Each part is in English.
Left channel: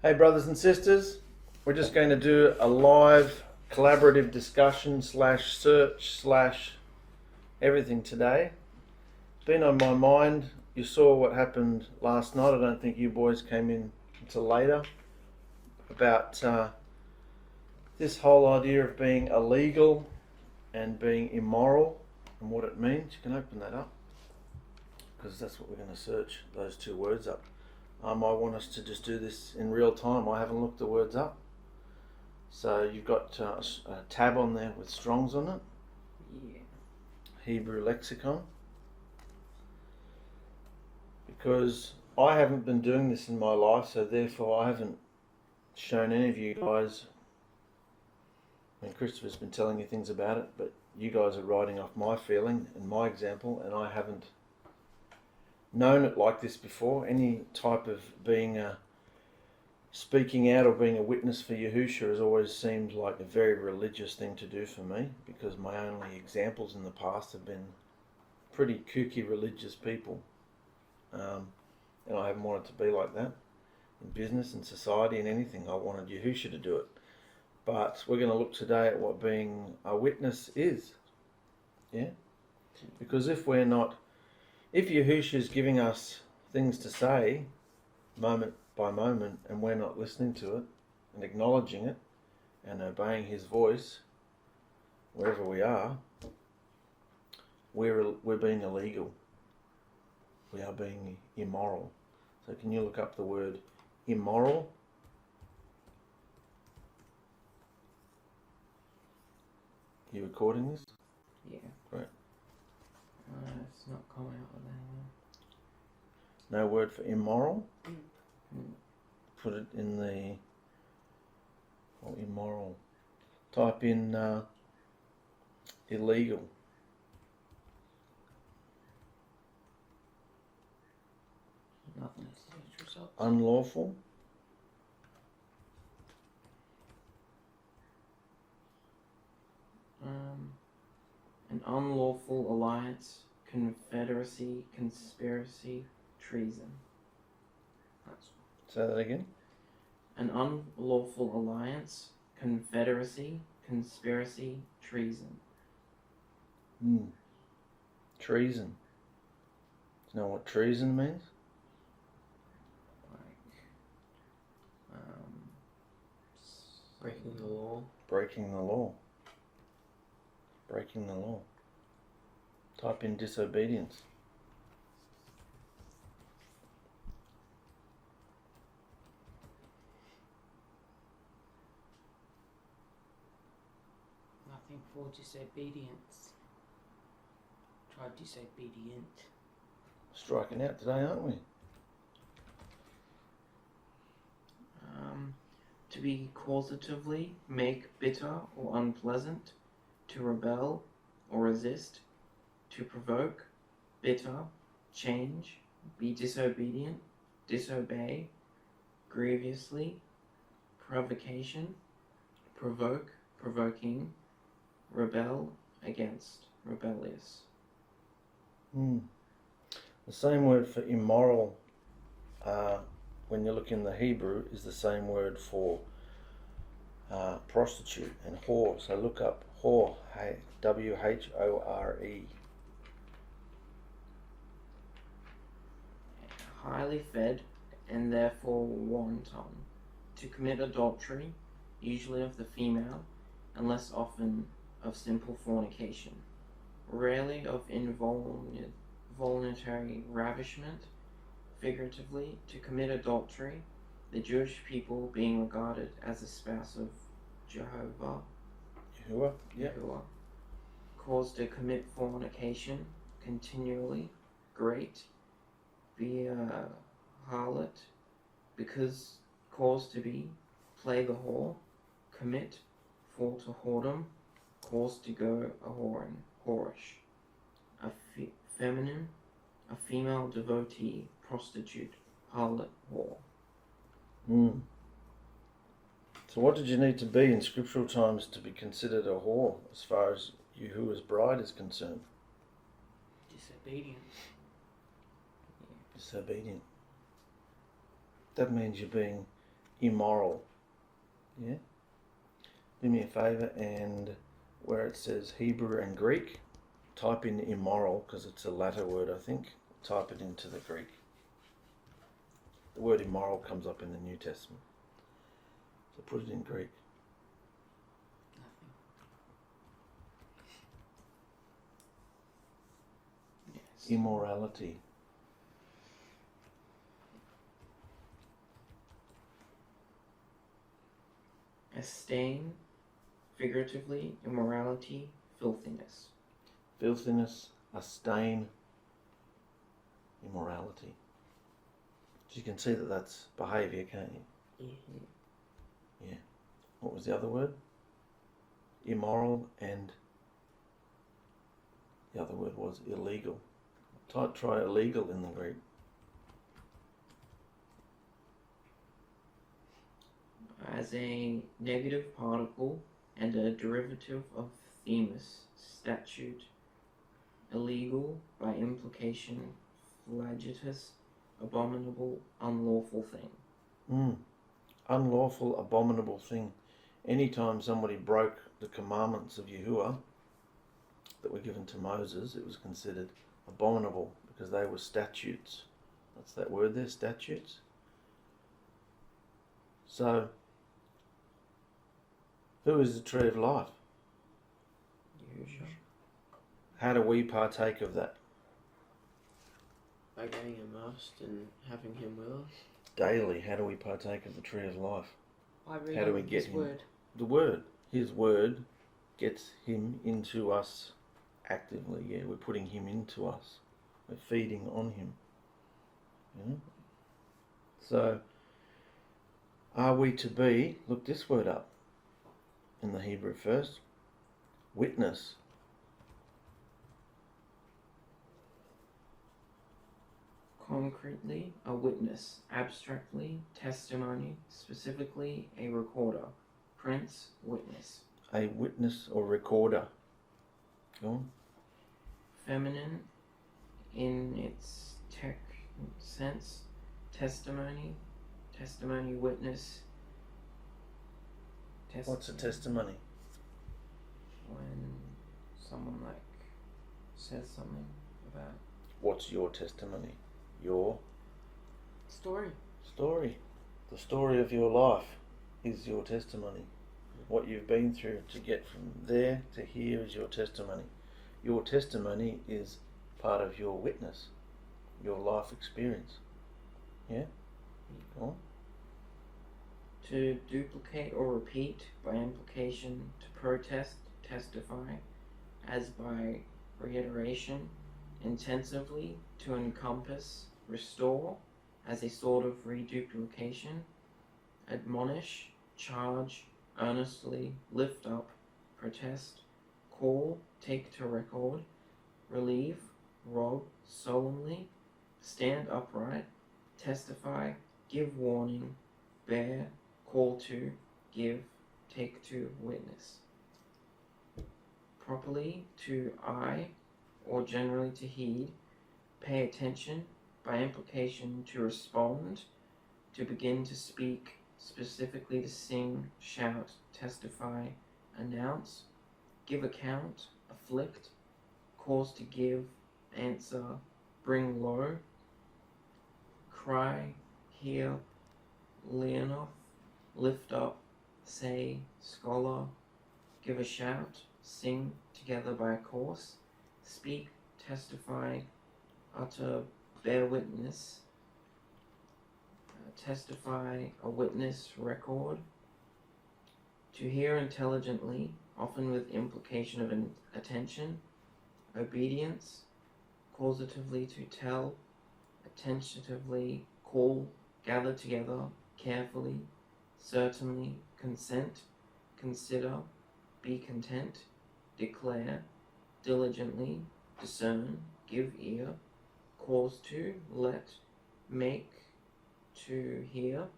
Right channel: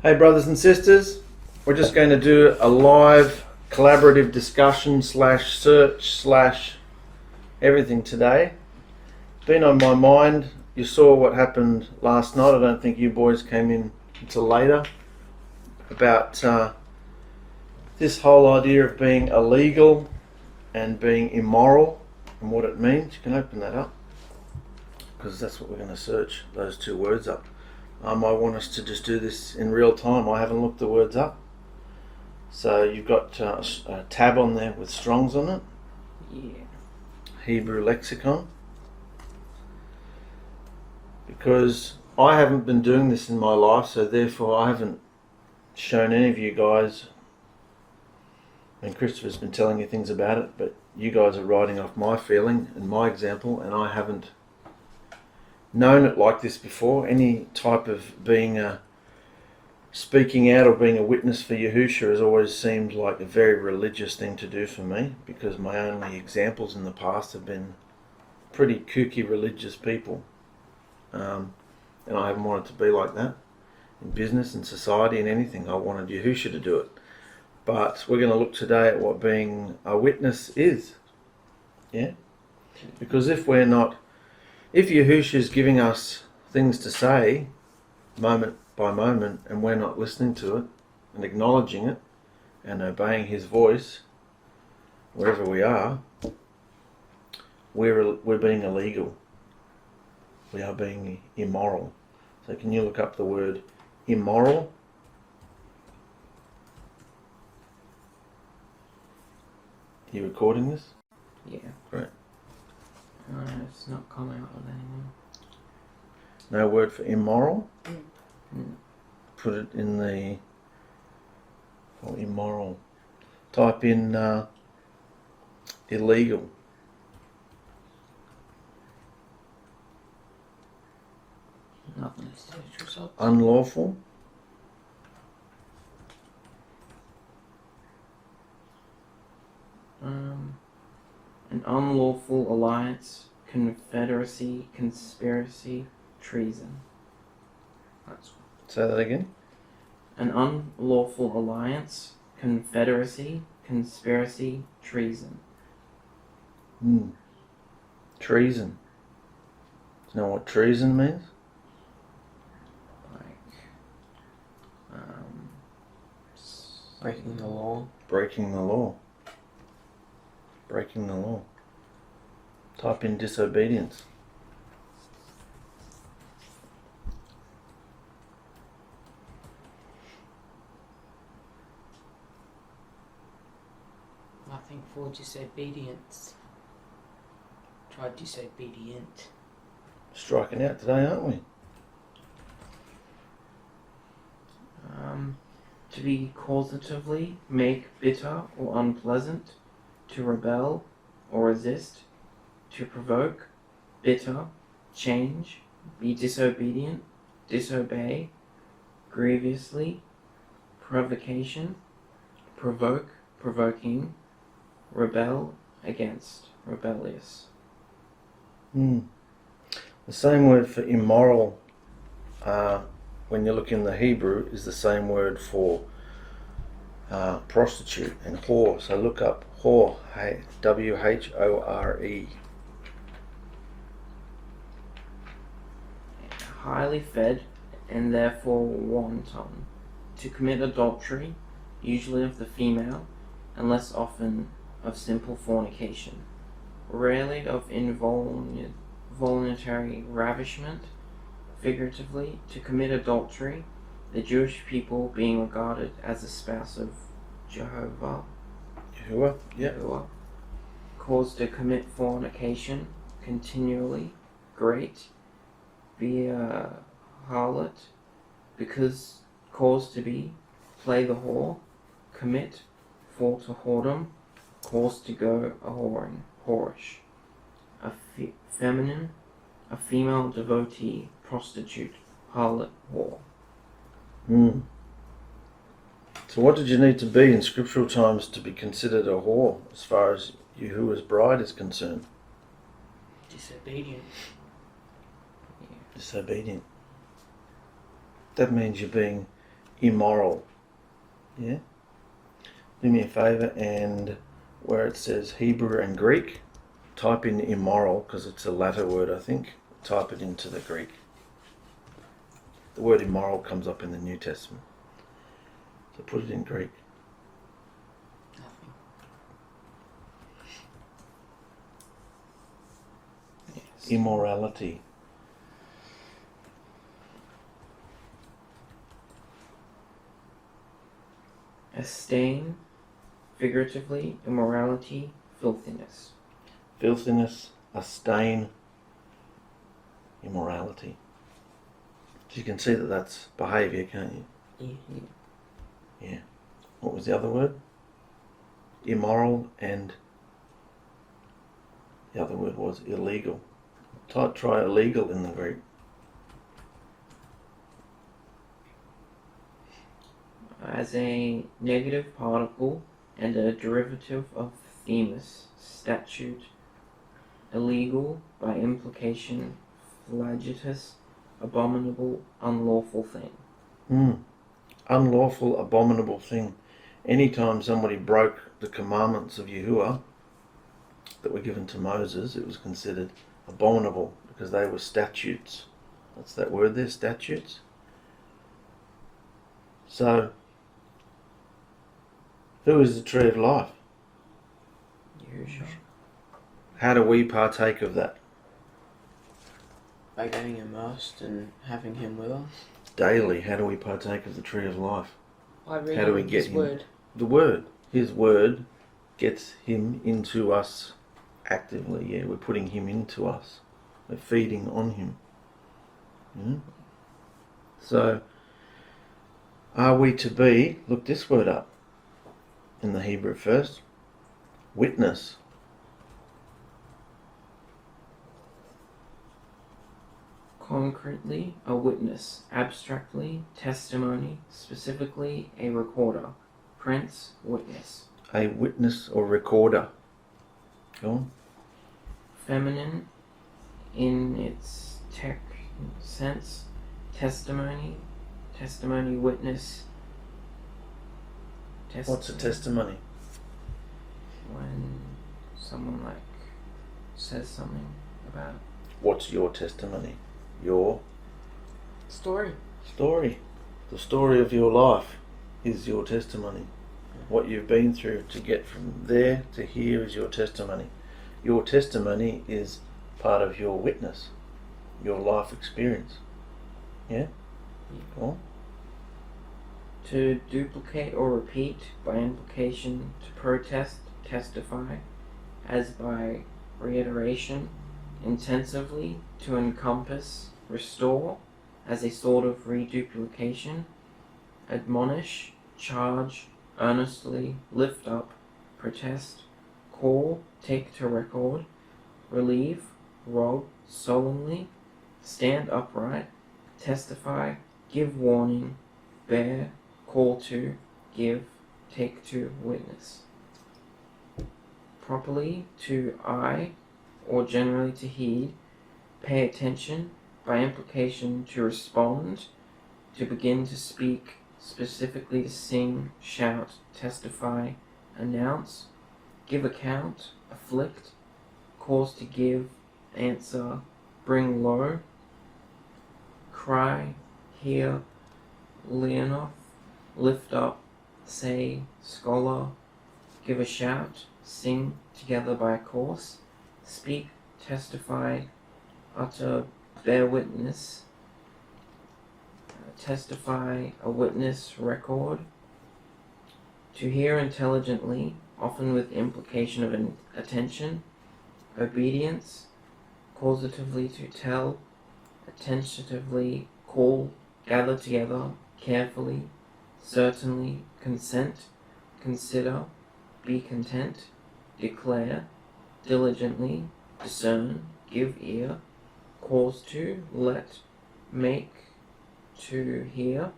Hey brothers and sisters, we're just going to do a live collaborative discussion / search / everything today. It's been on my mind. You saw what happened last night. I don't think you boys came in until later. About this whole idea of being illegal and being immoral and what it means. You can open that up because that's what we're going to search those two words up. I want us to just do this in real time. I haven't looked the words up. So you've got a tab on there with Strong's on it. Yeah. Hebrew lexicon. Because I haven't been doing this in my life, so therefore I haven't shown any of you guys. And Christopher's been telling you things about it, but you guys are writing off my feeling and my example, and I haven't known it like this before. Any type of speaking out or being a witness for Yahusha has always seemed like a very religious thing to do for me, because my only examples in the past have been pretty kooky religious people, and I haven't wanted to be like that in business and society and anything. I wanted Yahusha to do it. But we're going to look today at what being a witness is. Yeah? Because if Yahusha is giving us things to say moment by moment and we're not listening to it and acknowledging it and obeying his voice wherever we are, we're being illegal. We are being immoral. So can you look up the word immoral? Are you recording this? Yeah. Great. It's not coming out of anymore. No word for immoral? Mm. Put it in the, or immoral. Type in illegal. Nothing. Search results. Unlawful. An unlawful alliance, confederacy, conspiracy, treason. That's Say that again. an unlawful alliance, confederacy, conspiracy, treason. Treason. Do you know what treason means? Breaking the law. Breaking the law. Breaking the law. Type in disobedience. Nothing for disobedience. Try disobedient. Striking out today, aren't we? To be causatively make bitter or unpleasant, to rebel or resist, to provoke, bitter, change, be disobedient, disobey, grievously, provocation, provoke, provoking, rebel against, rebellious. The same word for immoral, when you look in the Hebrew, is the same word for prostitute and whore. So look up whore, W-H-O-R-E. Highly fed and therefore wanton, to commit adultery, usually of the female, and less often of simple fornication, rarely of involuntary ravishment, figuratively, to commit adultery, the Jewish people being regarded as the spouse of Yahuah, Yeah. caused to commit fornication continually, great, via harlot, because caused to be, play the whore, commit, fall to whoredom, caused to go a-whoring, whorish, a feminine, a female devotee, prostitute, harlot, whore. So what did you need to be in scriptural times to be considered a whore as far as Yahuwah's bride is concerned? Disobedient. Disobedient. That means you're being immoral. Yeah? Do me a favour, and where it says Hebrew and Greek, type in immoral, because it's a latter word, I think. Type it into the Greek. The word immoral comes up in the New Testament. So put it in Greek. Nothing. Yes. Immorality. A stain, figuratively, immorality, filthiness. Filthiness, a stain, immorality. So you can see that that's behaviour, can't you? Yeah. What was the other word? Immoral, and the other word was illegal. Try illegal in the Greek. As a negative particle and a derivative of themis, statute, illegal, by implication, flagitious, abominable, unlawful thing. Unlawful, abominable thing. Anytime somebody broke the commandments of Yahuah that were given to Moses, it was considered abominable because they were statutes. What's that word there? Statutes? So, who is the tree of life? Yahusha. How do we partake of that? By getting immersed and having him with us. Daily, how do we partake of the tree of life? By reading How do we get his him? word. The word. His word gets him into us actively. Yeah, we're putting him into us. We're feeding on him. So, are we to be, look this word up in the Hebrew first, witness. Concretely, a witness. Abstractly, testimony. Specifically, a recorder. Prince, witness. A witness or recorder. Go on. Feminine, in its tech sense. Testimony. Testimony, witness. What's a testimony? When someone says something about. What's your testimony? Your Story. story. The story of your life is your testimony. What you've been through to get from there to here is your testimony. Your testimony is part of your witness, your life experience. Yeah? Cool. To duplicate or repeat, by implication, to protest, testify, as by reiteration, intensively, to encompass, restore, as a sort of reduplication, admonish, charge, earnestly, lift up, protest, call, take to record, relieve, rob, solemnly, stand upright, testify, give warning, bear, call to, give, take to witness. Properly, to eye, or generally to heed, pay attention, by implication to respond, to begin to speak, specifically to sing, shout, testify, announce, give account, afflict, cause to give, answer, bring low, cry, hear, leonoth, lift up, say, scholar, give a shout, sing, together by a course, speak, testify, utter, bear witness, testify, a witness, record, to hear intelligently, often with implication of an attention, obedience, causatively to tell, attentively call, gather together, carefully, certainly, consent, consider, be content, declare, diligently, discern, give ear, cause to, let, make, to hear,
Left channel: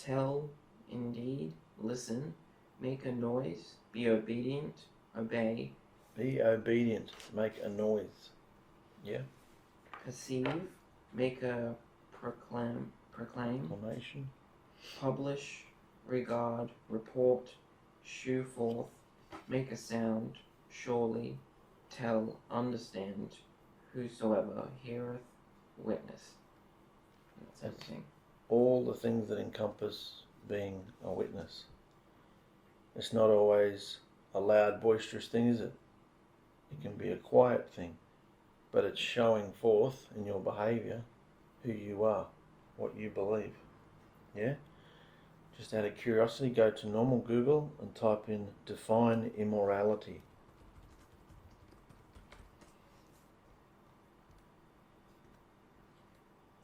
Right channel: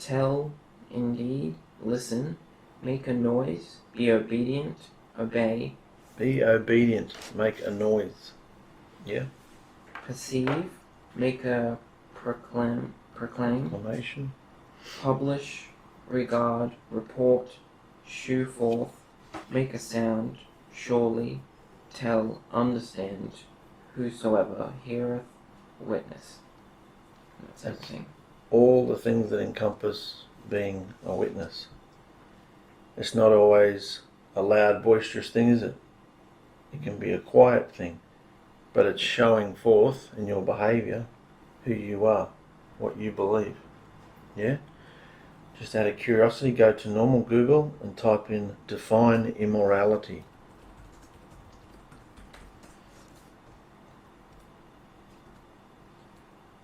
tell, indeed, listen, make a noise, be obedient, obey, Be obedient, make a noise. Yeah? perceive, make a proclaim, Proclamation. publish, regard, report, shew forth, make a sound, surely, tell, understand, whosoever heareth, witness. And that's everything. All the things that encompass being a witness. It's not always a loud, boisterous thing, is it? It can be a quiet thing, but it's showing forth in your behaviour who you are, what you believe. Yeah? Just out of curiosity, go to normal Google and type in define immorality.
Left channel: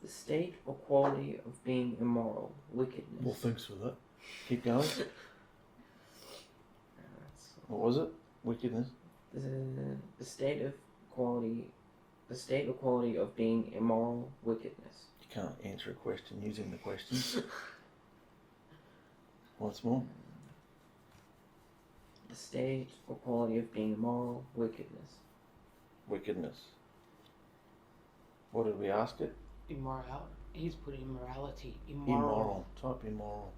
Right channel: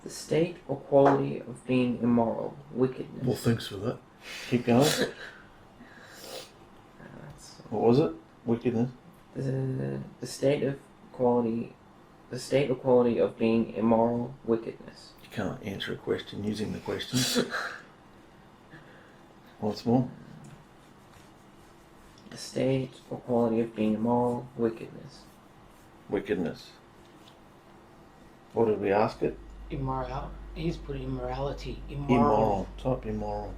The state or quality of being immoral, wickedness. Well, thanks for that. Keep going. That's What was it? Wickedness? the state or quality of being immoral, wickedness. You can't answer a question using the question. What's more? The state or quality of being immoral, wickedness. Wickedness. What did we ask it? Immoral. He's put immorality. Immoral. Type immoral.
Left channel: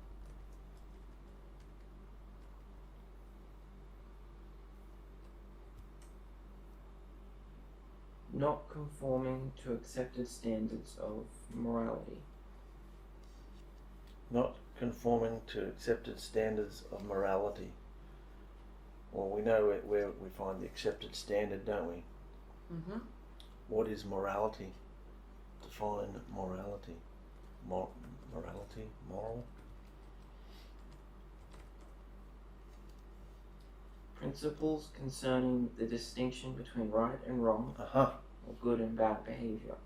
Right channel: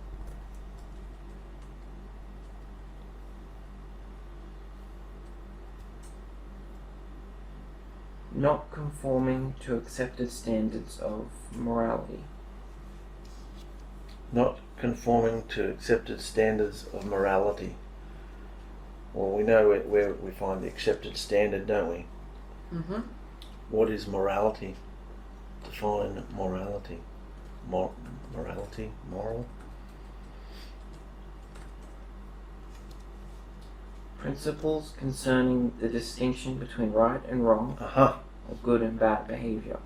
Not conforming to accepted standards of morality. Not conforming to accepted standards of morality. Well, we know where we find the accepted standard, don't we? Mm-hmm. What is morality? Define morality. Morality? Moral? Principles concerning the distinction between right and wrong, Aha. or good and bad behavior.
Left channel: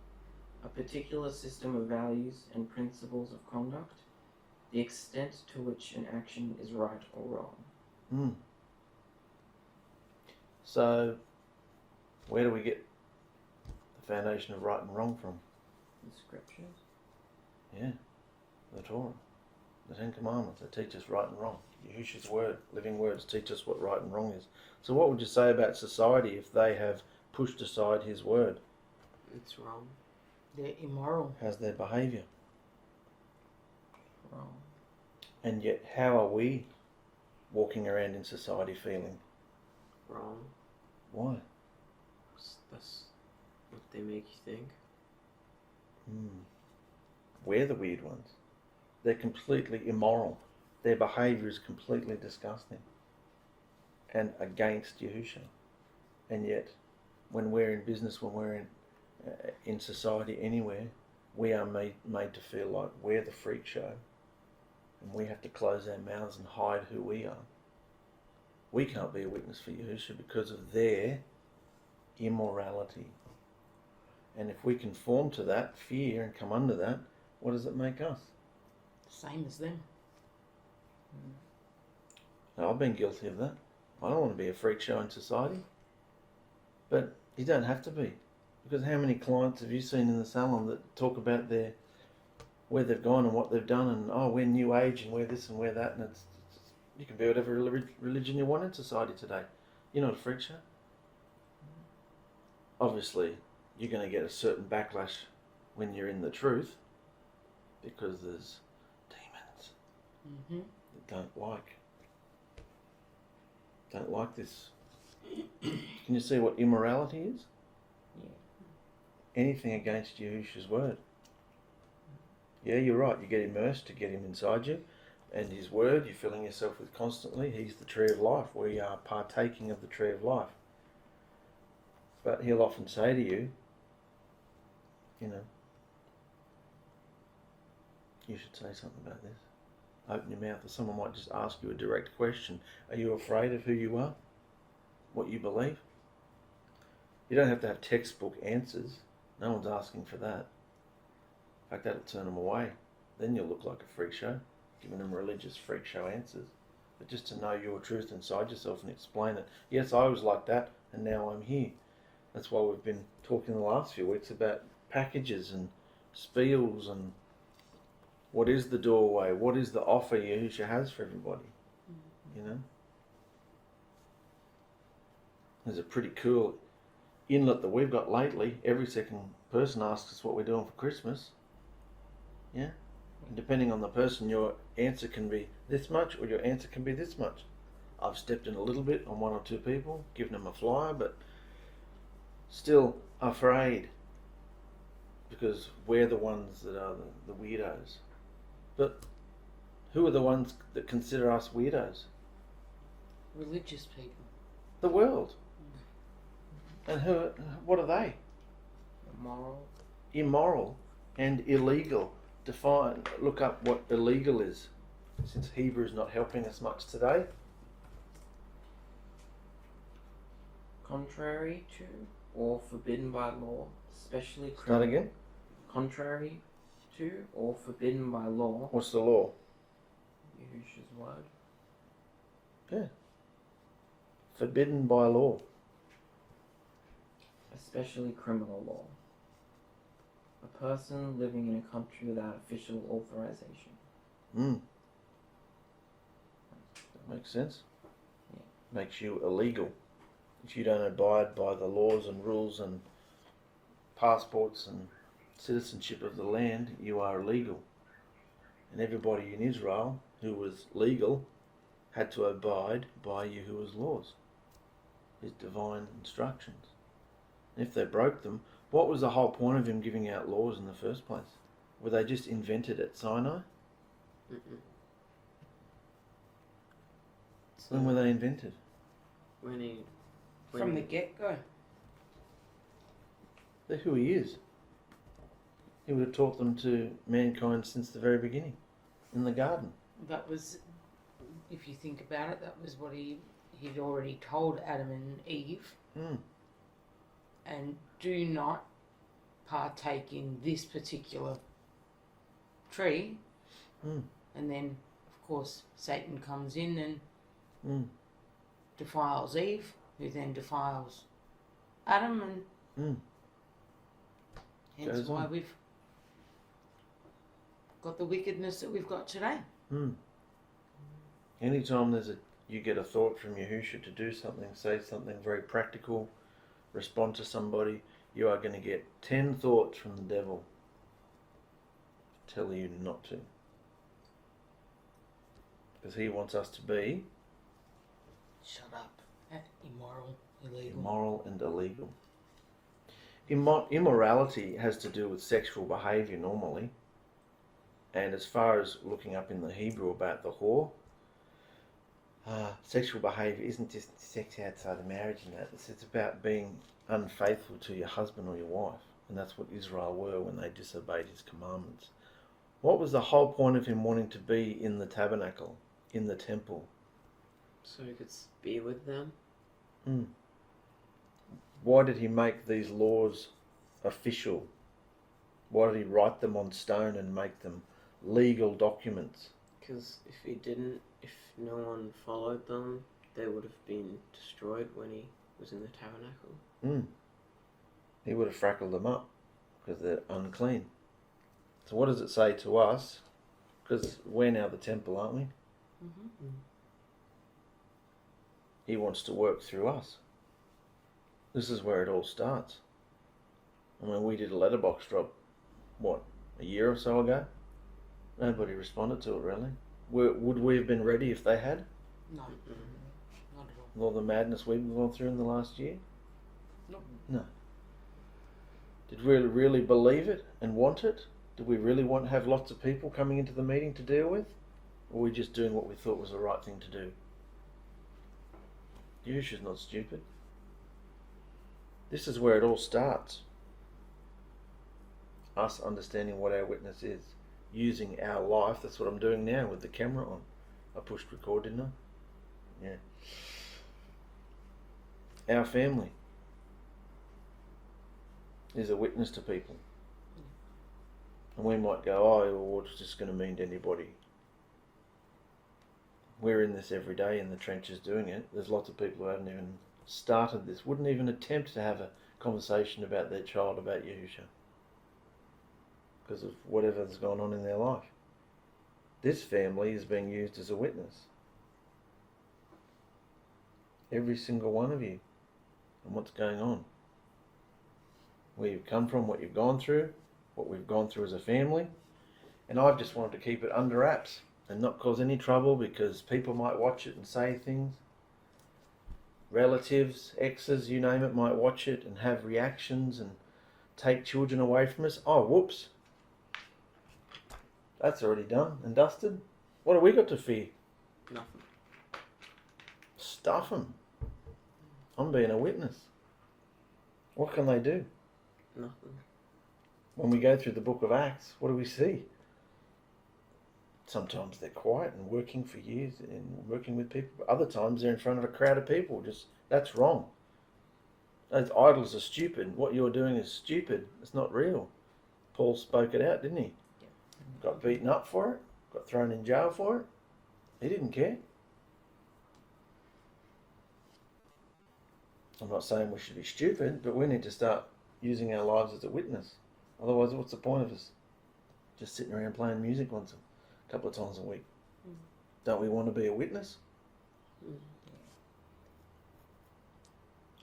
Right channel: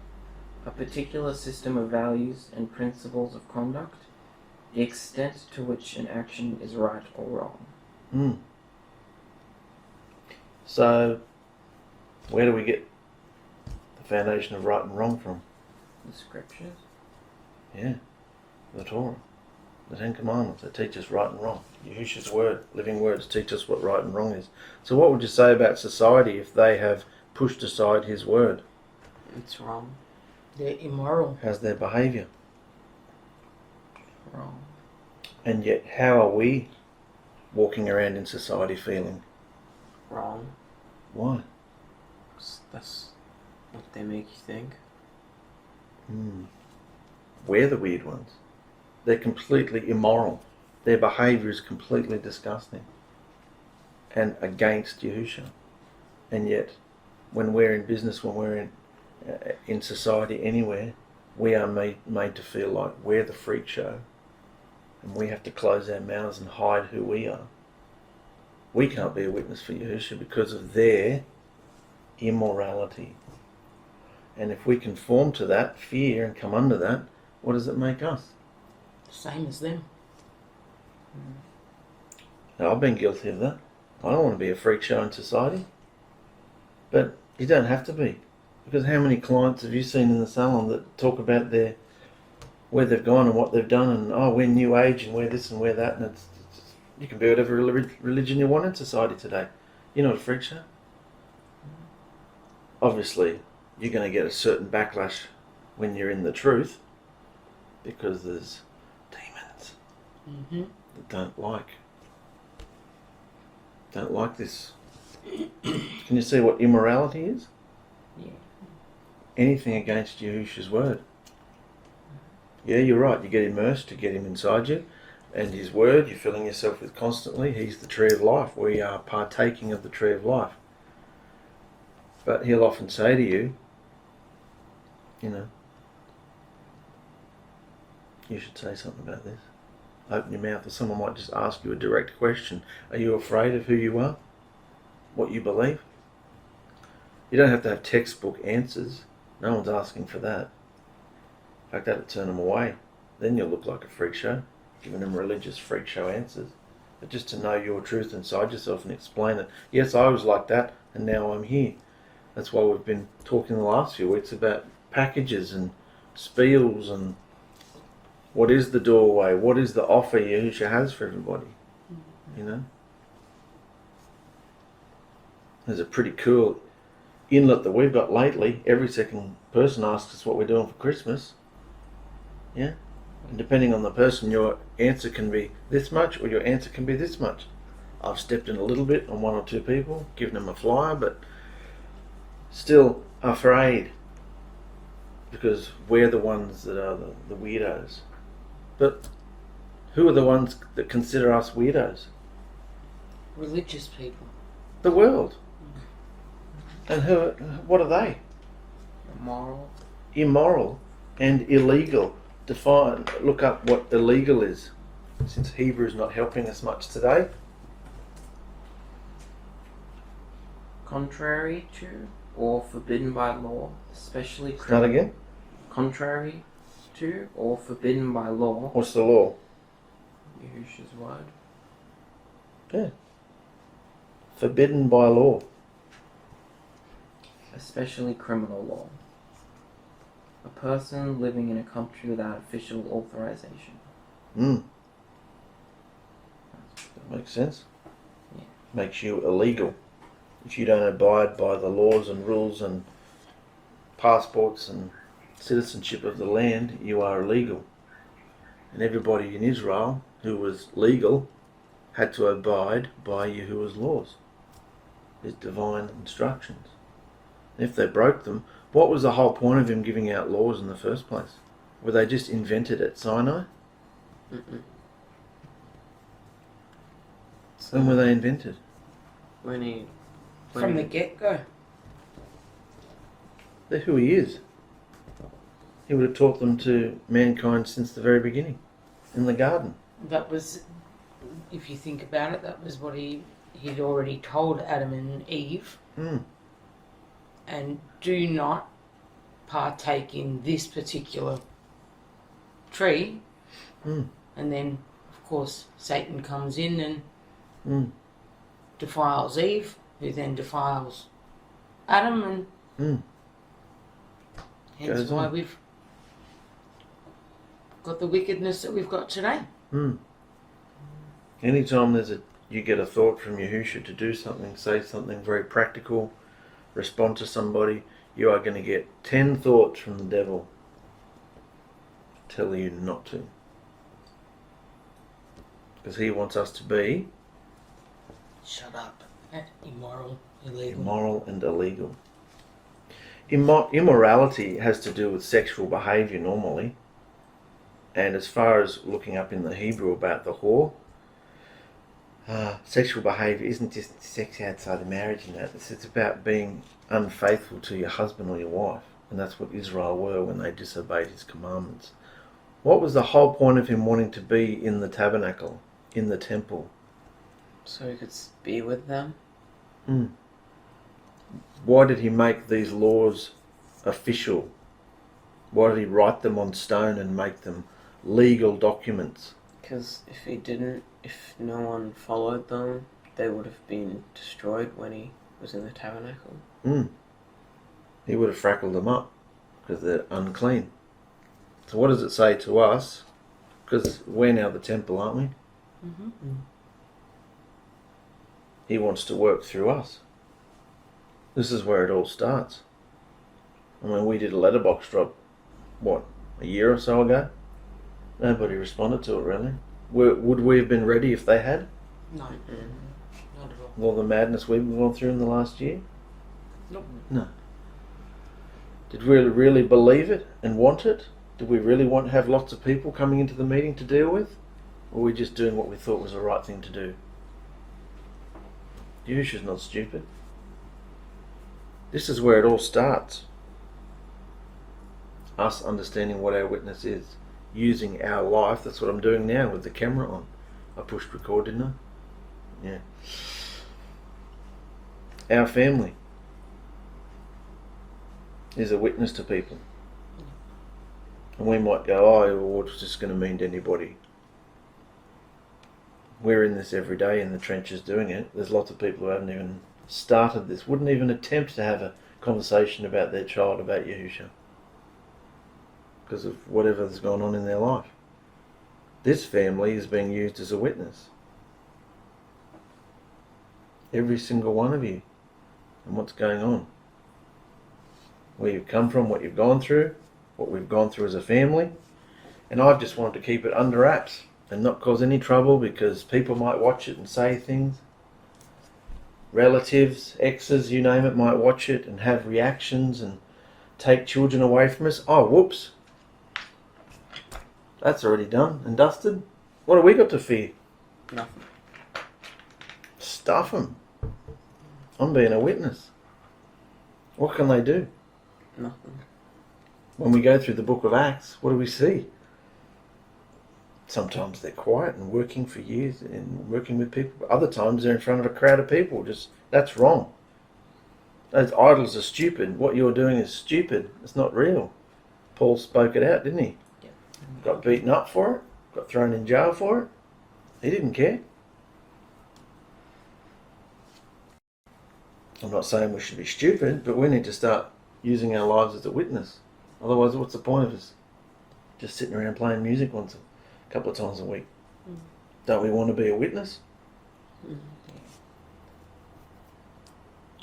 A particular system of values and principles of conduct. The extent to which an action is right or wrong. So, where do we get the foundation of right and wrong from? The scriptures. Yeah, the Torah, the Ten Commandments that teach us right and wrong. Yahusha's word, living words, teach us what right and wrong is. So what would you say about society if they have pushed aside his word? It's wrong. They're immoral. How's their behaviour? Wrong. And yet, how are we walking around in society feeling? Wrong. Why? 'Cause that's what they make you think. We're the weird ones. They're completely immoral. Their behaviour is completely disgusting and against Yahusha. And yet, when we're in business, when we're in society anywhere, we are made to feel like we're the freak show, and we have to close our mouths and hide who we are. We can't be a witness for Yahusha because of their immorality. And if we conform to that fear and come under that, what does it make us? Same as them. Now, I've been guilty of that. I don't want to be a freak show in society. But you don't have to be. Because how many clients have you seen in the salon that talk about where they've gone and what they've done, and we're new age and we're this and we're that, and you can be whatever religion you want in society today. You're not a freak show. Obviously, you're going to get a certain backlash when you're in the truth, because there's demons that don't like this. Can you see what immorality is? Yeah. Anything against Yahusha's word. Yeah, you're right. You get immersed, you get him inside you, and his word you're filling yourself with constantly. He's the tree of life. We are partaking of the tree of life. But he'll often say to you, you should say something about this. Open your mouth, or someone might just ask you a direct question. Are you afraid of who you are? What you believe? You don't have to have textbook answers. No one's asking for that. In fact, that'd turn them away. Then you'll look like a freak show, giving them religious freak show answers. But just to know your truth inside yourself and explain it. Yes, I was like that, and now I'm here. That's why we've been talking the last few weeks about packages and spiels and what is the doorway, what is the offer Yahusha has for everybody, There's a pretty cool inlet that we've got lately. Every second person asks us what we're doing for Christmas. Yeah? And depending on the person, your answer can be this much or your answer can be this much. I've stepped in a little bit on one or two people, given them a flyer, but still afraid because we're the ones that are the weirdos. But who are the ones that consider us weirdos? Religious people. The world. And what are they? Immoral. Immoral and illegal. Look up what illegal is, since Hebrew is not helping us much today. Contrary to or forbidden by law, especially Start again. Contrary to or forbidden by law. What's the law? Yahusha's word. Yeah. Forbidden by law. Especially criminal law. A person living in a country without official authorization. That makes sense. Yeah. Makes you illegal. If you don't abide by the laws and rules and passports and citizenship of the land, you are illegal. And everybody in Israel who was legal had to abide by Yahuah's laws, his divine instructions. And if they broke them, what was the whole point of him giving out laws in the first place? Were they just invented at Sinai? When were they invented? From the get-go. They're who he is. He would have taught them to mankind since the very beginning, in the garden. That was, if you think about it, that was what he'd already told Adam and Eve. And do not partake in this particular tree. And then, of course, Satan comes in and defiles Eve, who then defiles Adam, and hence why we've got the wickedness that we've got today. Anytime you get a thought from Yahusha to do something, say something very practical, respond to somebody, you are going to get 10 thoughts from the devil telling you not to. Because he wants us to be Shut up. Immoral, illegal. immoral and illegal. Immorality has to do with sexual behaviour normally. And as far as looking up in the Hebrew about the whore, sexual behaviour isn't just sex outside of marriage and that. It's about being unfaithful to your husband or your wife. And that's what Israel were when they disobeyed his commandments. What was the whole point of him wanting to be in the tabernacle, in the temple? So he could be with them? Why did he make these laws official? Why did he write them on stone and make them legal documents? Because if no one followed them, they would have been destroyed when he was in the tabernacle. He would have frackled them up because they're unclean. So what does it say to us? Because we're now the temple, aren't we? He wants to work through us. This is where it all starts. I mean, we did a letterbox drop, a year or so ago? Nobody responded to it, really. Would we have been ready if they had? No. Not at all. All the madness we've gone through in the last year? Nope. No. Did we really believe it and want it? Did we really want to have lots of people coming into the meeting to deal with? Or were we just doing what we thought was the right thing to do? Yahusha's not stupid. This is where it all starts. Us understanding what our witness is. Using our life. That's what I'm doing now with the camera on. I pushed record, didn't I? Yeah. Our family is a witness to people. And we might go, what's this going to mean to anybody? We're in this every day in the trenches doing it. There's lots of people who haven't even started this, wouldn't even attempt to have a conversation about their child, about Yahusha, because of whatever's gone on in their life. This family is being used as a witness. Every single one of you, and what's going on. Where you've come from, what you've gone through, what we've gone through as a family, And I've just wanted to keep it under wraps and not cause any trouble, because people might watch it and say things. Relatives, exes, you name it, might watch it and have reactions and take children away from us. Oh, whoops. That's already done and dusted. What have we got to fear? Nothing. Stuff them. I'm being a witness. What can they do? Nothing. When we go through the book of Acts, what do we see? Sometimes they're quiet and working for years and working with people. Other times they're in front of a crowd of people. That's wrong. Those idols are stupid. What you're doing is stupid. It's not real. Paul spoke it out, didn't he? Yeah. Got beaten up for it. Got thrown in jail for it. He didn't care. I'm not saying we should be stupid, but we need to start using our lives as a witness. Otherwise, what's the point of us just sitting around playing music once a couple of times a week? Don't we want to be a witness?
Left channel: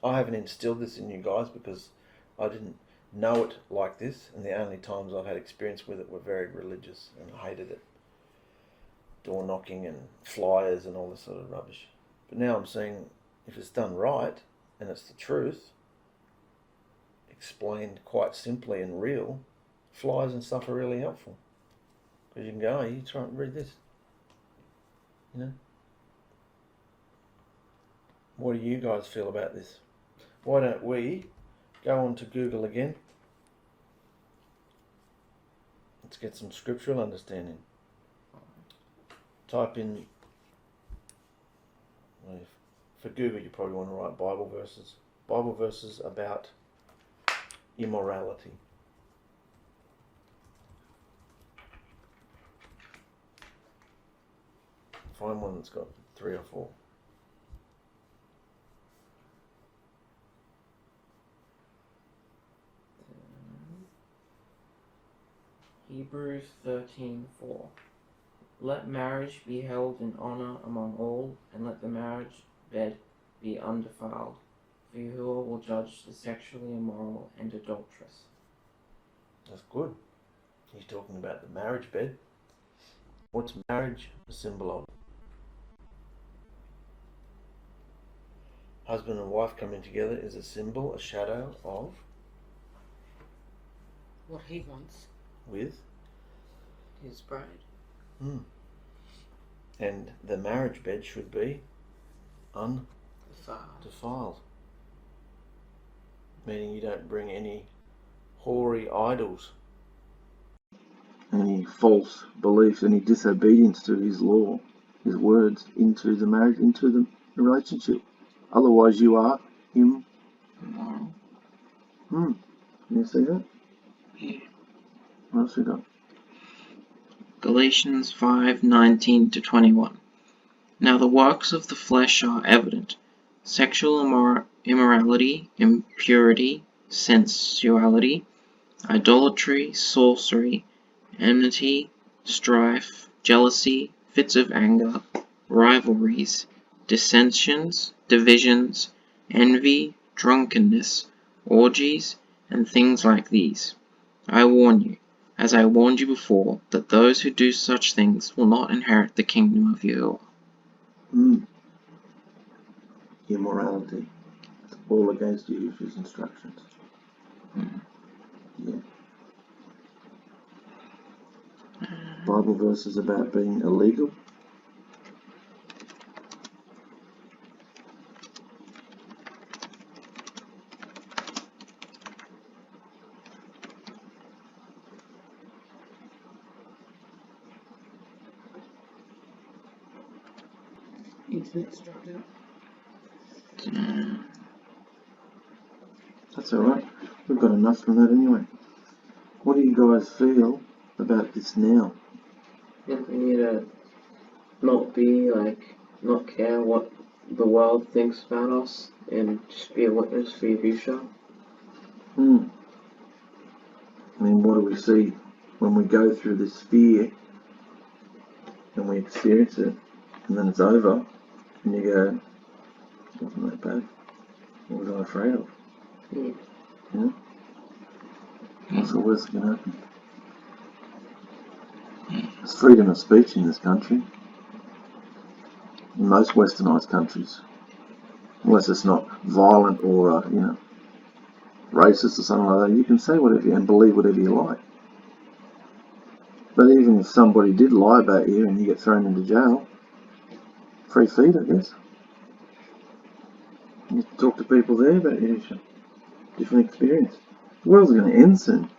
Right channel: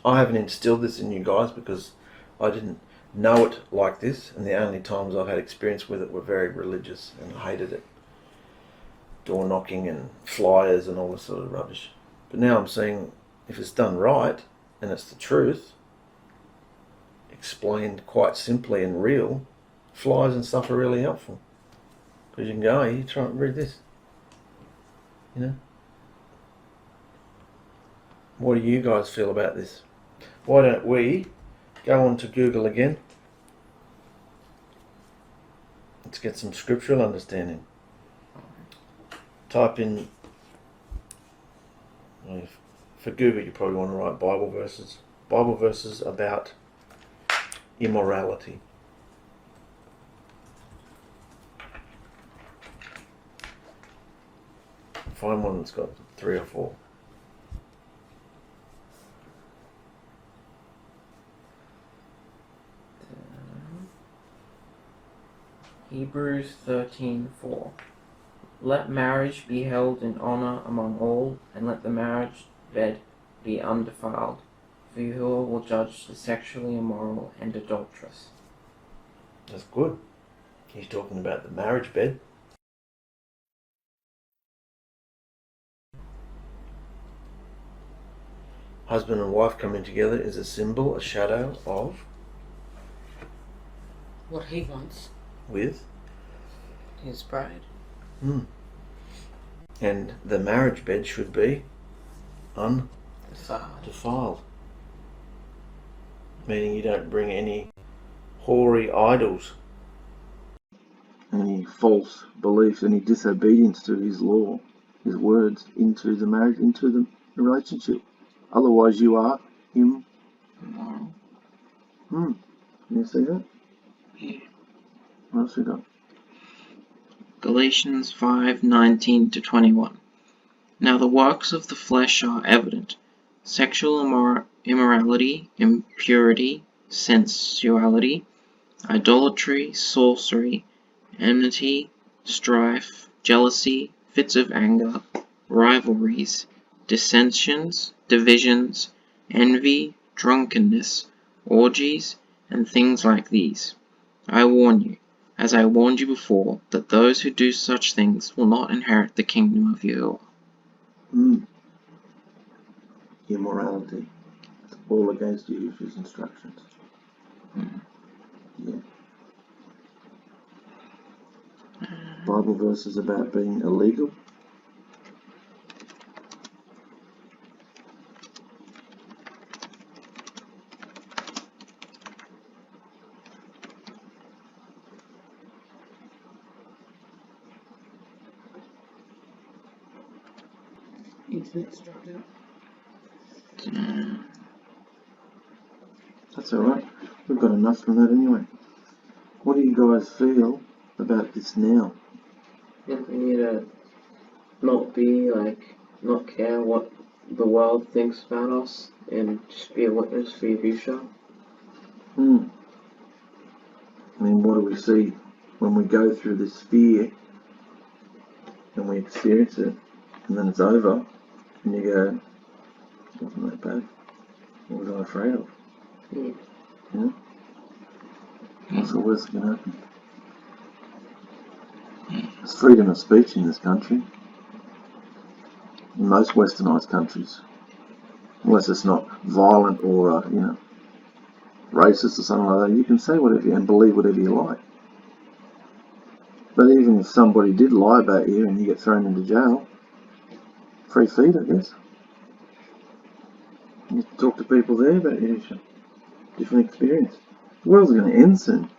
I haven't instilled this in you guys because I didn't know it like this, and the only times I've had experience with it were very religious, and I hated it. Door knocking and flyers and all this sort of rubbish. But now I'm saying, if it's done right and it's the truth, explained quite simply and real, flyers and stuff are really helpful. Because you can go, hey, you try and read this. You know? What do you guys feel about this? Why don't we go on to Google again? Let's get some scriptural understanding. Type in, for Google you probably want to write Bible verses. Bible verses about immorality. Find one that's got 3 or 4. Hebrews 13:4. Let marriage be held in honor among all, and let the marriage bed be undefiled, for Yahuah will judge the sexually immoral and adulterous. That's good. He's talking about the marriage bed. What's marriage a symbol of? Husband and wife coming together is a symbol, a shadow of What he wants. with. His bride. And the marriage bed should be Defiled. undefiled. Meaning you don't bring any hoary idols, any false beliefs, any disobedience to his law, his words, into the marriage, into the relationship. Otherwise you are immoral. Can you see that? Yeah. What else we got? Galatians 5:19-21. Now the works of the flesh are evident: sexual immorality, impurity, sensuality, idolatry, sorcery, enmity, strife, jealousy, fits of anger, rivalries, dissensions, divisions, envy, drunkenness, orgies, and things like these. I warn you, as I warned you before, that those who do such things will not inherit the kingdom of Yahuah. Immorality. It's all against Yahusha's instructions. Yeah. Bible verses about being illegal. Internet structure. That's alright. We've got enough from that anyway. What do you guys feel about this now? Yeah, we need to not care what the world thinks about us, and just be a witness for Yahusha. I mean, what do we see when we go through this fear and we experience it, and then it's over, and you go, it wasn't that bad. What was I afraid of? Yeah? What's the worst that can happen? There's freedom of speech in this country, in most westernised countries, unless it's not violent or, racist or something like that. You can say whatever and believe whatever you like. But even if somebody did lie about you and you get thrown into jail, free feed, I guess. You talk to people there about Yahushua. Different experience. The world's going to end soon.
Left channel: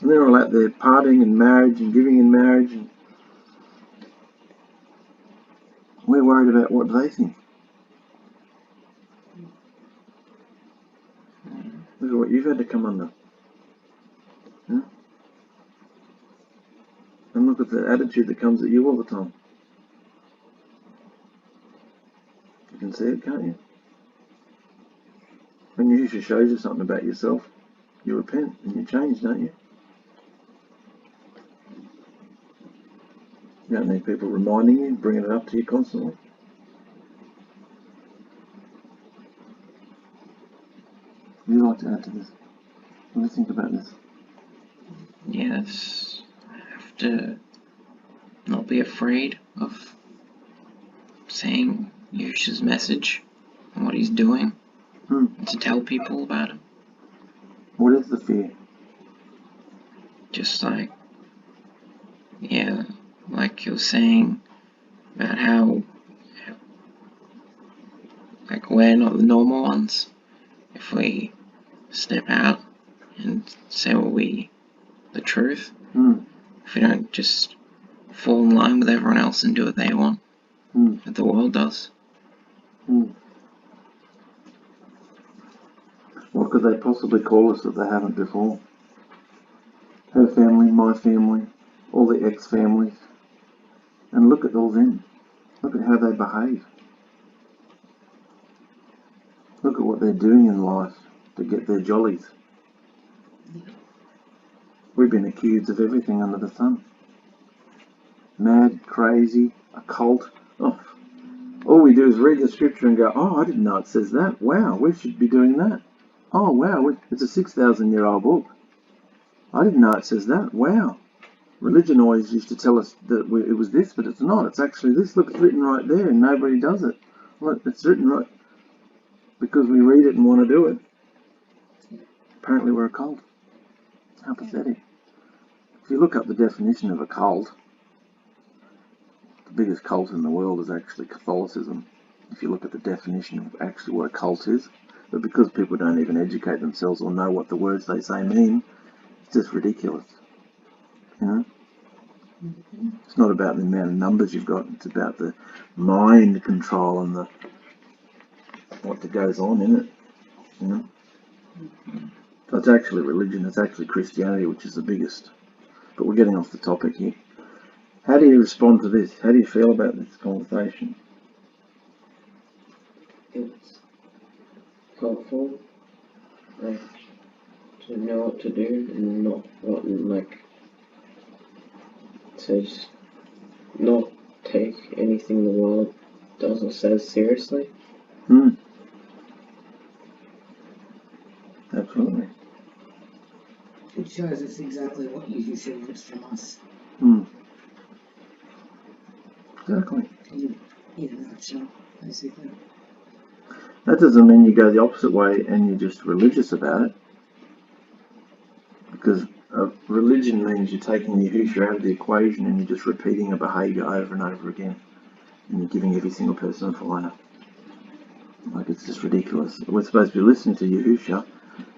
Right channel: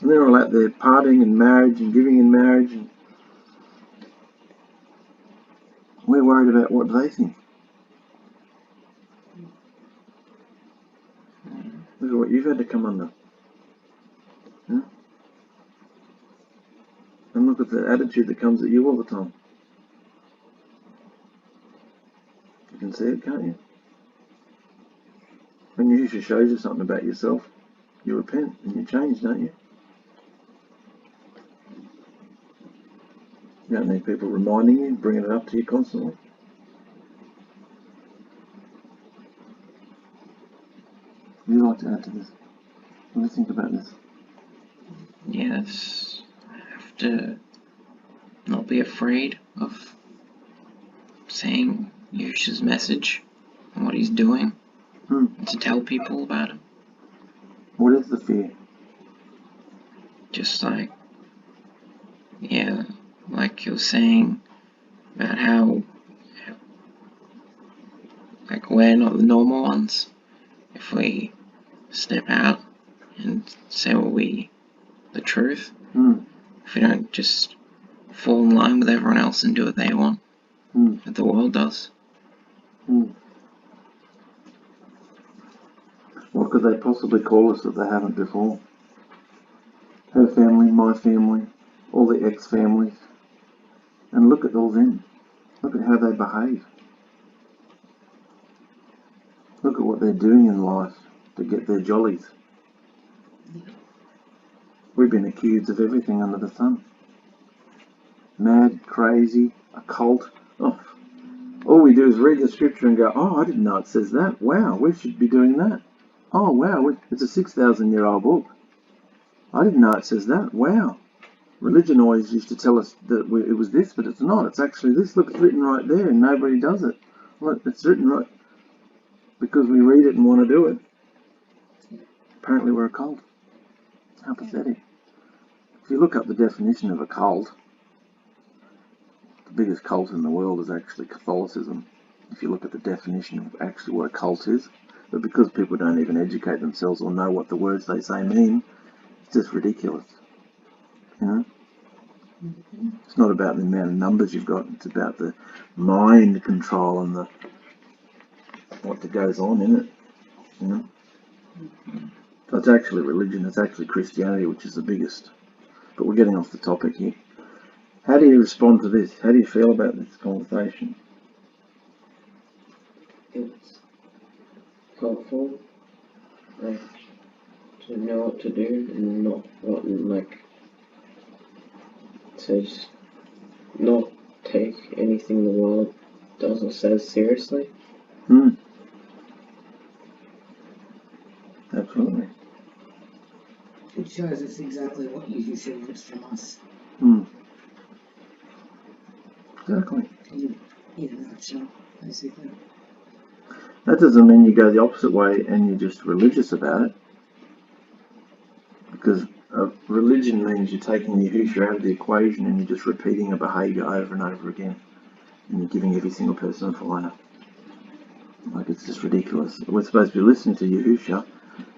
And they're all out there partying and marriage and giving in marriage. And we're worried about what they think. Look at what you've had to come under. Yeah? And look at the attitude that comes at you all the time. You can see it, can't you? When Yahushua shows you something about yourself, you repent and you change, don't you? You don't need people reminding you, bringing it up to you constantly. What do you like to add to this? What do you think about this? Yes, I have to not be afraid of saying Yahusha's message and what he's doing, and to tell people about him. What is the fear? Just like you were saying about how we're not the normal ones. If we step out and say the truth, if we don't just fall in line with everyone else and do what they want, that the world does. What could they possibly call us that they haven't before? Her family, my family, all the ex-families. And look at all them. Look at how they behave. Look at what they're doing in life to get their jollies. We've been accused of everything under the sun. Mad, crazy, a cult. Oh, all we do is read the scripture and go, oh, I didn't know it says that. Wow, we should be doing that. Oh, wow, it's a 6,000-year-old book. I didn't know it says that. Wow. Religion always used to tell us that it was this, but it's not. It's actually this. Look, it's written right there and nobody does it. Look, it's written right. Because we read it and want to do it. Apparently we're a cult. How pathetic. If you look up the definition of a cult, the biggest cult in the world is actually Catholicism. If you look at the definition of actually what a cult is, but because people don't even educate themselves or know what the words they say mean, it's just ridiculous. You know? It's not about the amount of numbers you've got, it's about the mind control and what goes on in it. You know? So it's actually religion, it's actually Christianity, which is the biggest. But we're getting off the topic here. How do you respond to this? How do you feel about this conversation? It's helpful, to know what to do and not to just not take anything the world does or says seriously. Absolutely. It shows us exactly what Yahushua wants from us. Exactly. In a nutshell, basically. That doesn't mean you go the opposite way and you're just religious about it. Because religion means you're taking Yahushua out of the equation and you're just repeating a behaviour over and over again. And you're giving every single person a fire. Like, it's just ridiculous. We're supposed to be listening to Yahushua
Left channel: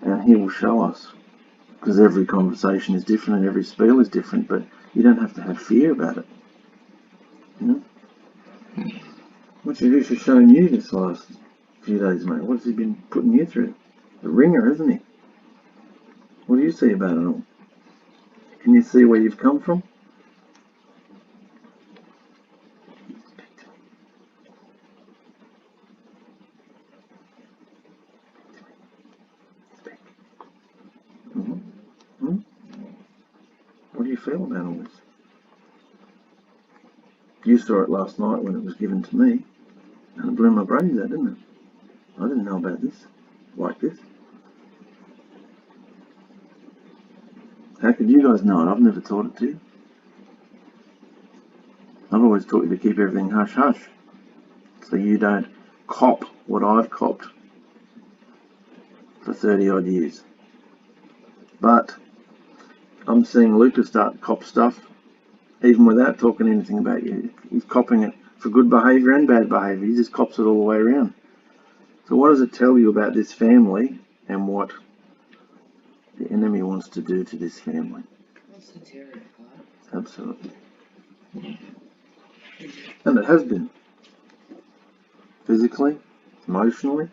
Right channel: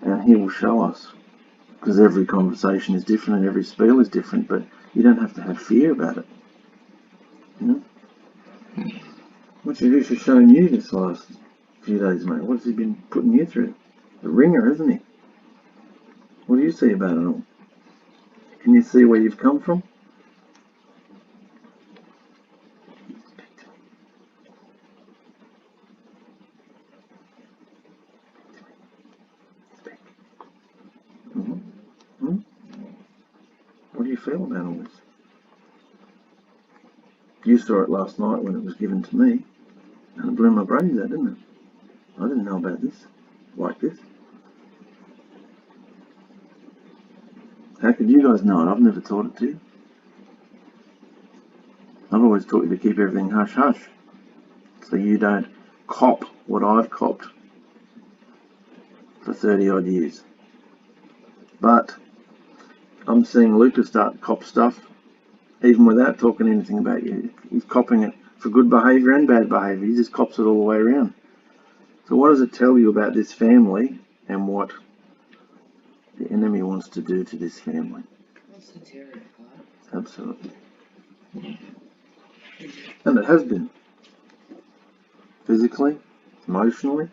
and he will show us. Because every conversation is different and every spiel is different, but you don't have to have fear about it. You know? What's Yahushua showing you this last few days, mate? What's he been putting you through? The ringer, isn't he? What do you see about it all? Can you see where you've come from? What do you feel about all this? You saw it last night when it was given to me, and it blew my brains out, didn't it? I didn't know about this, like this. How could you guys know it? I've never taught it to you. I've always taught you to keep everything hush-hush, so you don't cop what I've copped for 30 odd years. But I'm seeing Lucas start to cop stuff even without talking anything about you. He's copping it for good behaviour and bad behaviour. He just cops it all the way around. So what does it tell you about this family and what the enemy wants to do to this family? Wants to tear it apart. Absolutely. And it has been. Physically, emotionally,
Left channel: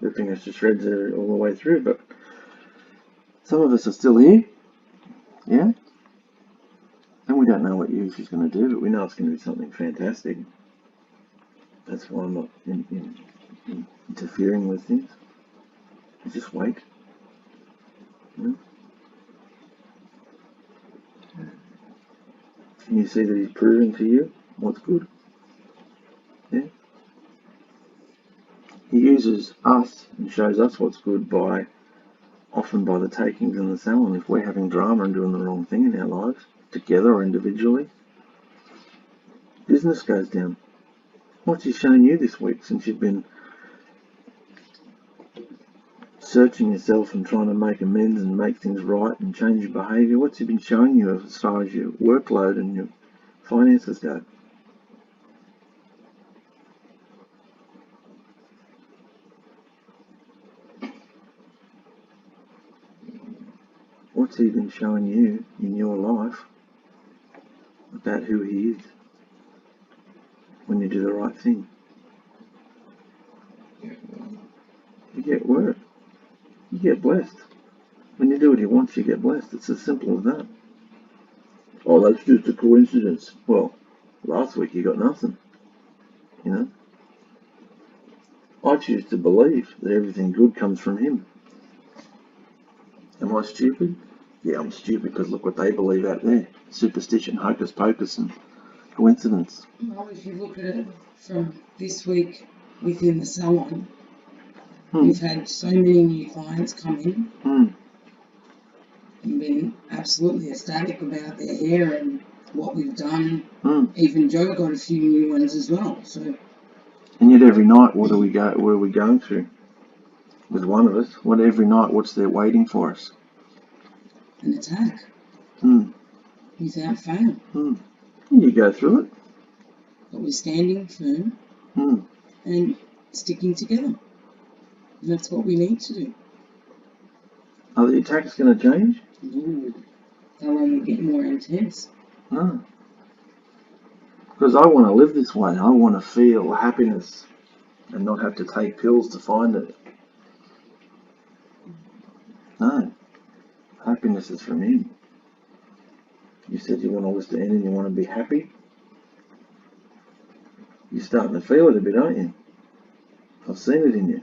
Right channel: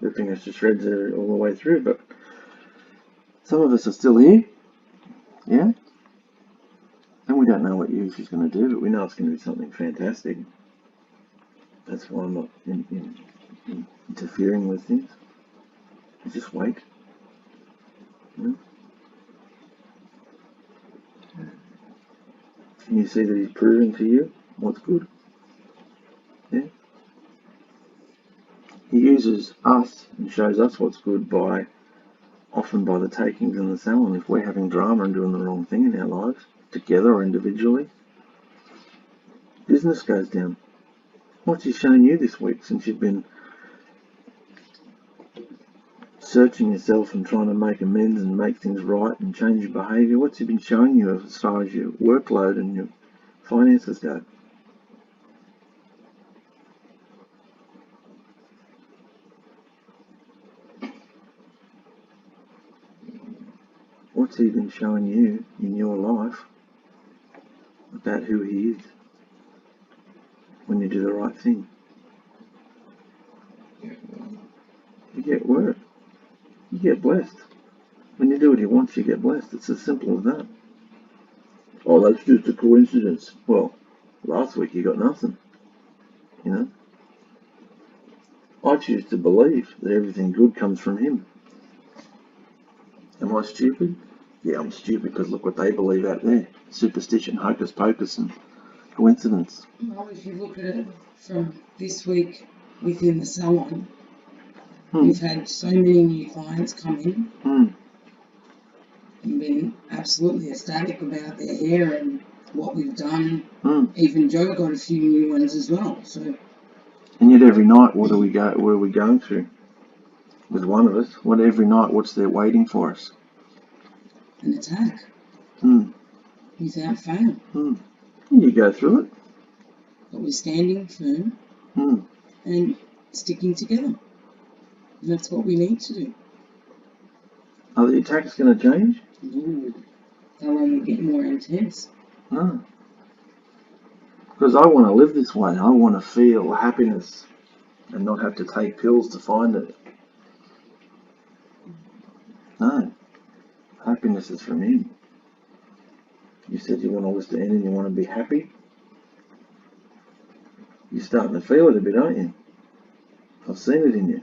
ripping us to shreds all the way through, but some of us are still here, yeah? And we don't know what Yahusha's going to do, but we know it's going to be something fantastic. That's why I'm not interfering with things. I just wait. Yeah? Can you see that he's proving to you what's good? Yeah? He uses us and shows us what's good often by the takings and the selling. If we're having drama and doing the wrong thing in our lives, together or individually, business goes down. What's he shown you this week since you've been searching yourself and trying to make amends and make things right and change your behaviour? What's he been showing you as far as your workload and your finances go? What's he been showing you in your life about who he is when you do the right thing? You get work. You get blessed. When you do what he wants, you get blessed. It's as simple as that. Oh, that's just a coincidence. Well, last week you got nothing. You know? I choose to believe that everything good comes from him. Am I stupid? Yeah, I'm stupid because look what they believe out there. Superstition, hocus pocus and coincidence. Well, if you look at it from this week within the salon, we've had so many new clients come in and been absolutely ecstatic about their hair and what we've done. Even Joe got a few new ones as well. So, and yet every night, what are we going through? With one of us, every night, what's there waiting for us? An attack. Without fail. You go through it. But we're standing firm and sticking together. And that's what we need to do. Are the attacks going to change? They'll only get more intense. No. Because I want to live this way. I want to feel happiness and not have to take pills to find it. No. Happiness is from him. You said you want all this to end and you want to be happy. You're starting to feel it a bit, aren't you? I've seen it in you.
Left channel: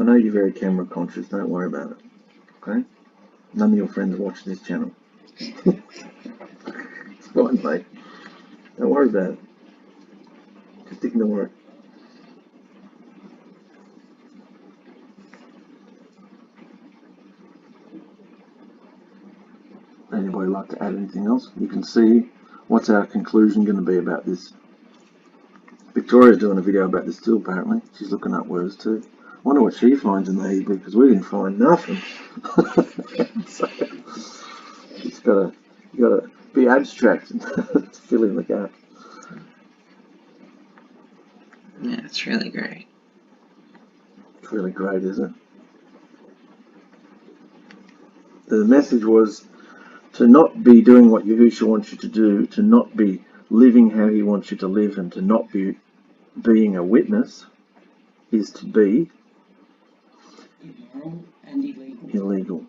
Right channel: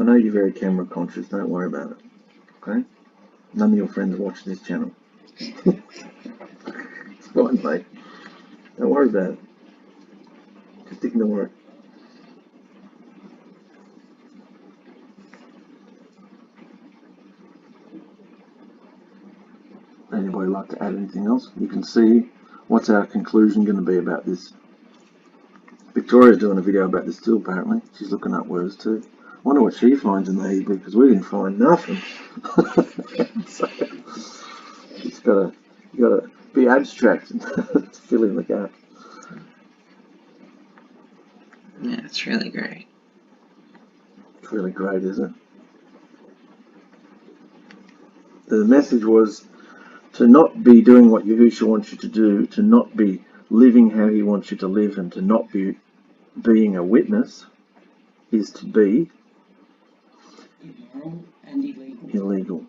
I know you're very camera conscious, don't worry about it. Okay? None of your friends watch this channel. It's fine, mate. Don't worry about it. Just ignore it. Anybody like to add anything else? You can see what's our conclusion going to be about this. Victoria's doing a video about this too, apparently. She's looking up words too. I wonder what she finds in the Hebrew, because we didn't find nothing. So, you gotta be abstract and fill in the gap. Yeah, it's really great. It's really great, isn't it? The message was to not be doing what Yahusha wants you to do, to not be living how he wants you to live, and to not be being a witness is to be Immoral and illegal. Illegal.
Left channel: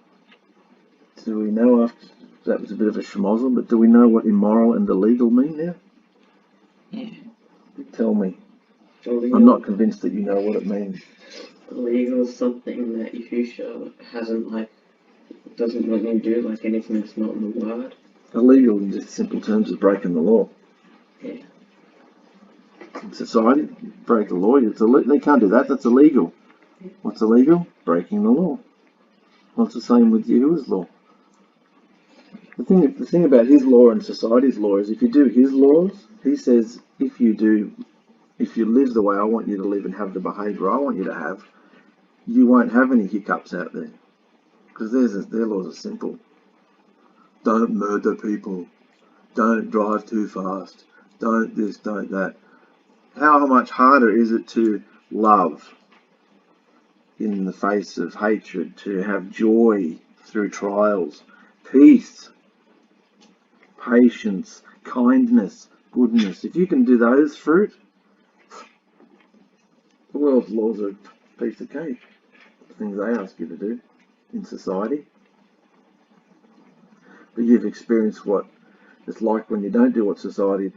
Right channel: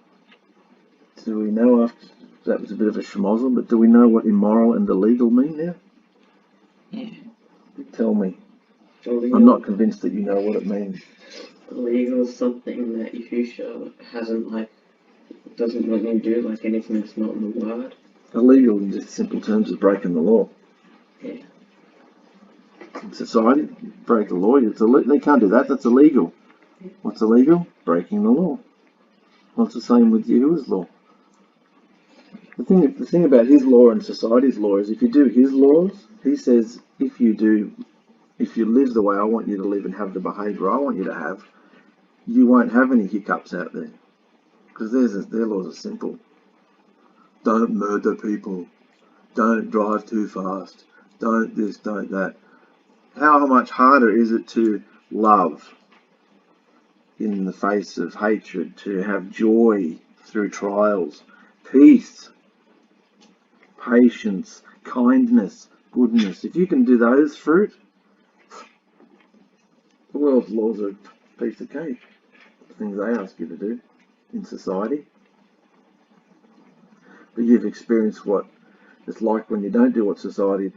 Do we know, after that was a bit of a schmozzle, but do we know what immoral and illegal mean now? Yeah. Tell me. Illegal. I'm not convinced that you know what it means. Illegal is something that Yahusha hasn't, doesn't want you to do, anything that's not in the word. Illegal in just simple terms is breaking the law. Yeah. In society, break the law. They can't do that. That's illegal. What's illegal? Breaking the law. Well, it's the same with Yahuwah's law. The thing about his law and society's law is if you do his laws, he says if you live the way I want you to live and have the behaviour I want you to have, you won't have any hiccups out there. Because their laws are simple. Don't murder people. Don't drive too fast. Don't this, don't that. How much harder is it to love in the face of hatred, to have joy through trials, peace, patience, kindness, goodness? If you can do those fruit, the world's laws are a piece of cake. The things they ask you to do in society. But you've experienced what it's like when you don't do what society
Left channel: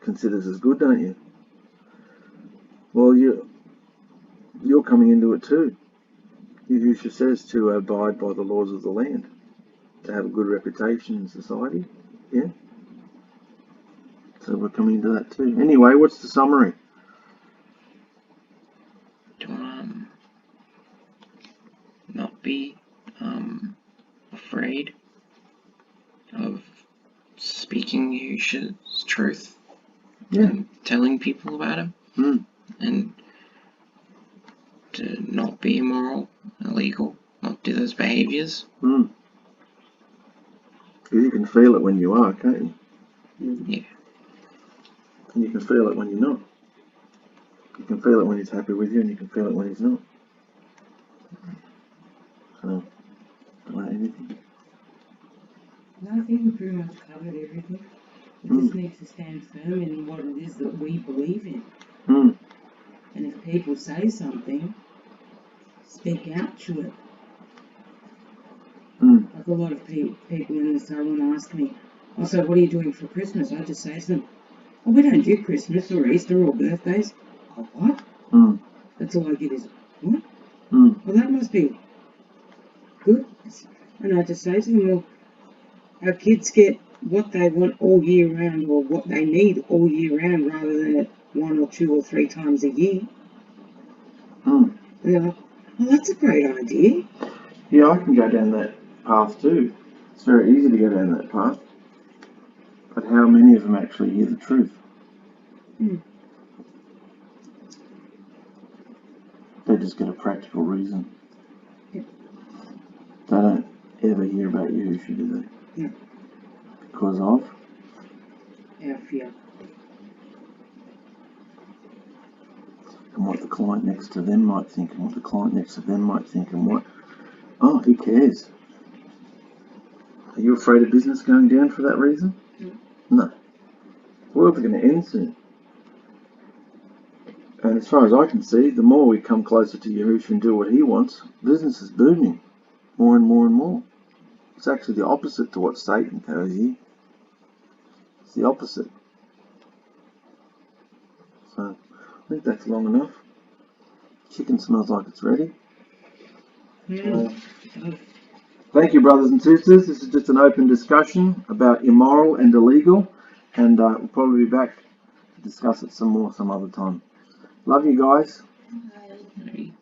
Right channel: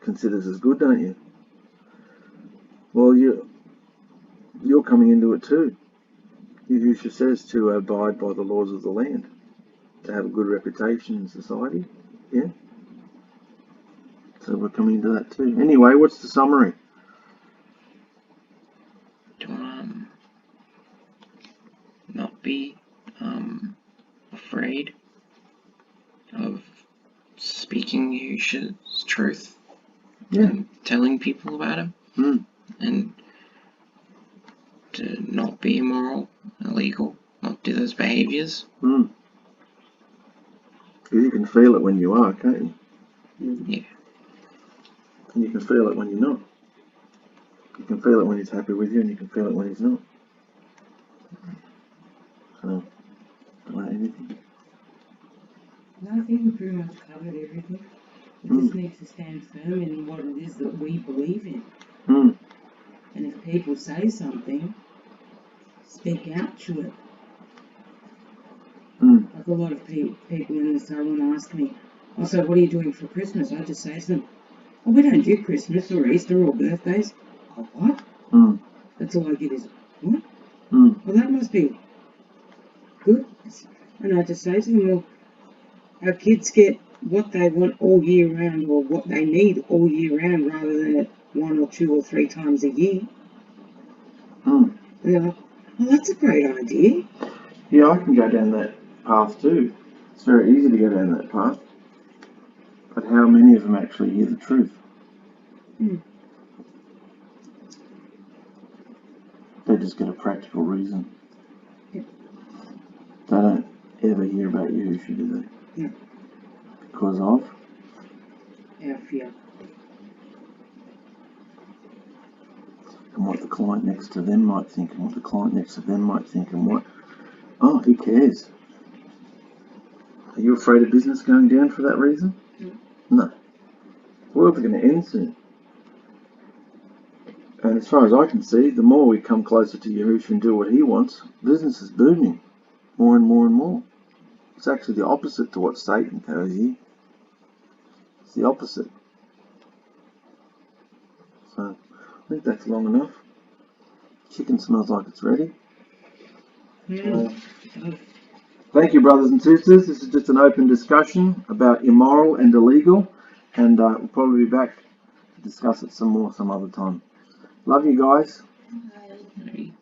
considers as good, don't you? Well, you're coming into it too. Yahushua says to abide by the laws of the land, to have a good reputation in society. Yeah. So we're coming into that too. Anyway, what's the summary? To not be afraid of speaking Yahusha's truth. Yeah. And telling people about him. And to not be immoral, illegal, not do those behaviours. Because you can feel it when you are, can't you? Yeah. And you can feel it when you're not. You can feel it when he's happy with you, and you can feel it when he's not. So, anything? No, I think we pretty much covered everything. We just need to stand firm in what it is that we believe in. And if people say something, speak out to it. Like a lot of people in the salon ask me, oh, so what are you doing for Christmas? I just say to them, oh, we don't do Christmas or Easter or birthdays. Oh, what? That's all I get is, what? Well, that must be good. And I just say to them, well, our kids get what they want all year round, or what they need all year round, rather than 1 or 2 or 3 times a year. And they're like, well, that's a great idea. Yeah, I can go down that path too. It's very easy to go down that path. But how many of them actually hear the truth? They just get a practical reason. They don't ever hear about Yahushua, do they? No. Because of? Our fear. And what the client next to them might think, and what the client next to them might think, and what... Oh, who cares? Are you afraid of business going down for that reason? No. The world's going to end soon. And as far as I can see, the more we come closer to Yahushua and do what he wants, business is booming. More and more and more. It's actually the opposite to what Satan tells you. It's the opposite. So, I think that's long enough. Chicken smells like it's ready. Thank you, brothers and sisters. This is just an open discussion about immoral and illegal, and we'll probably be back to discuss it some more some other time. Love you guys. Bye.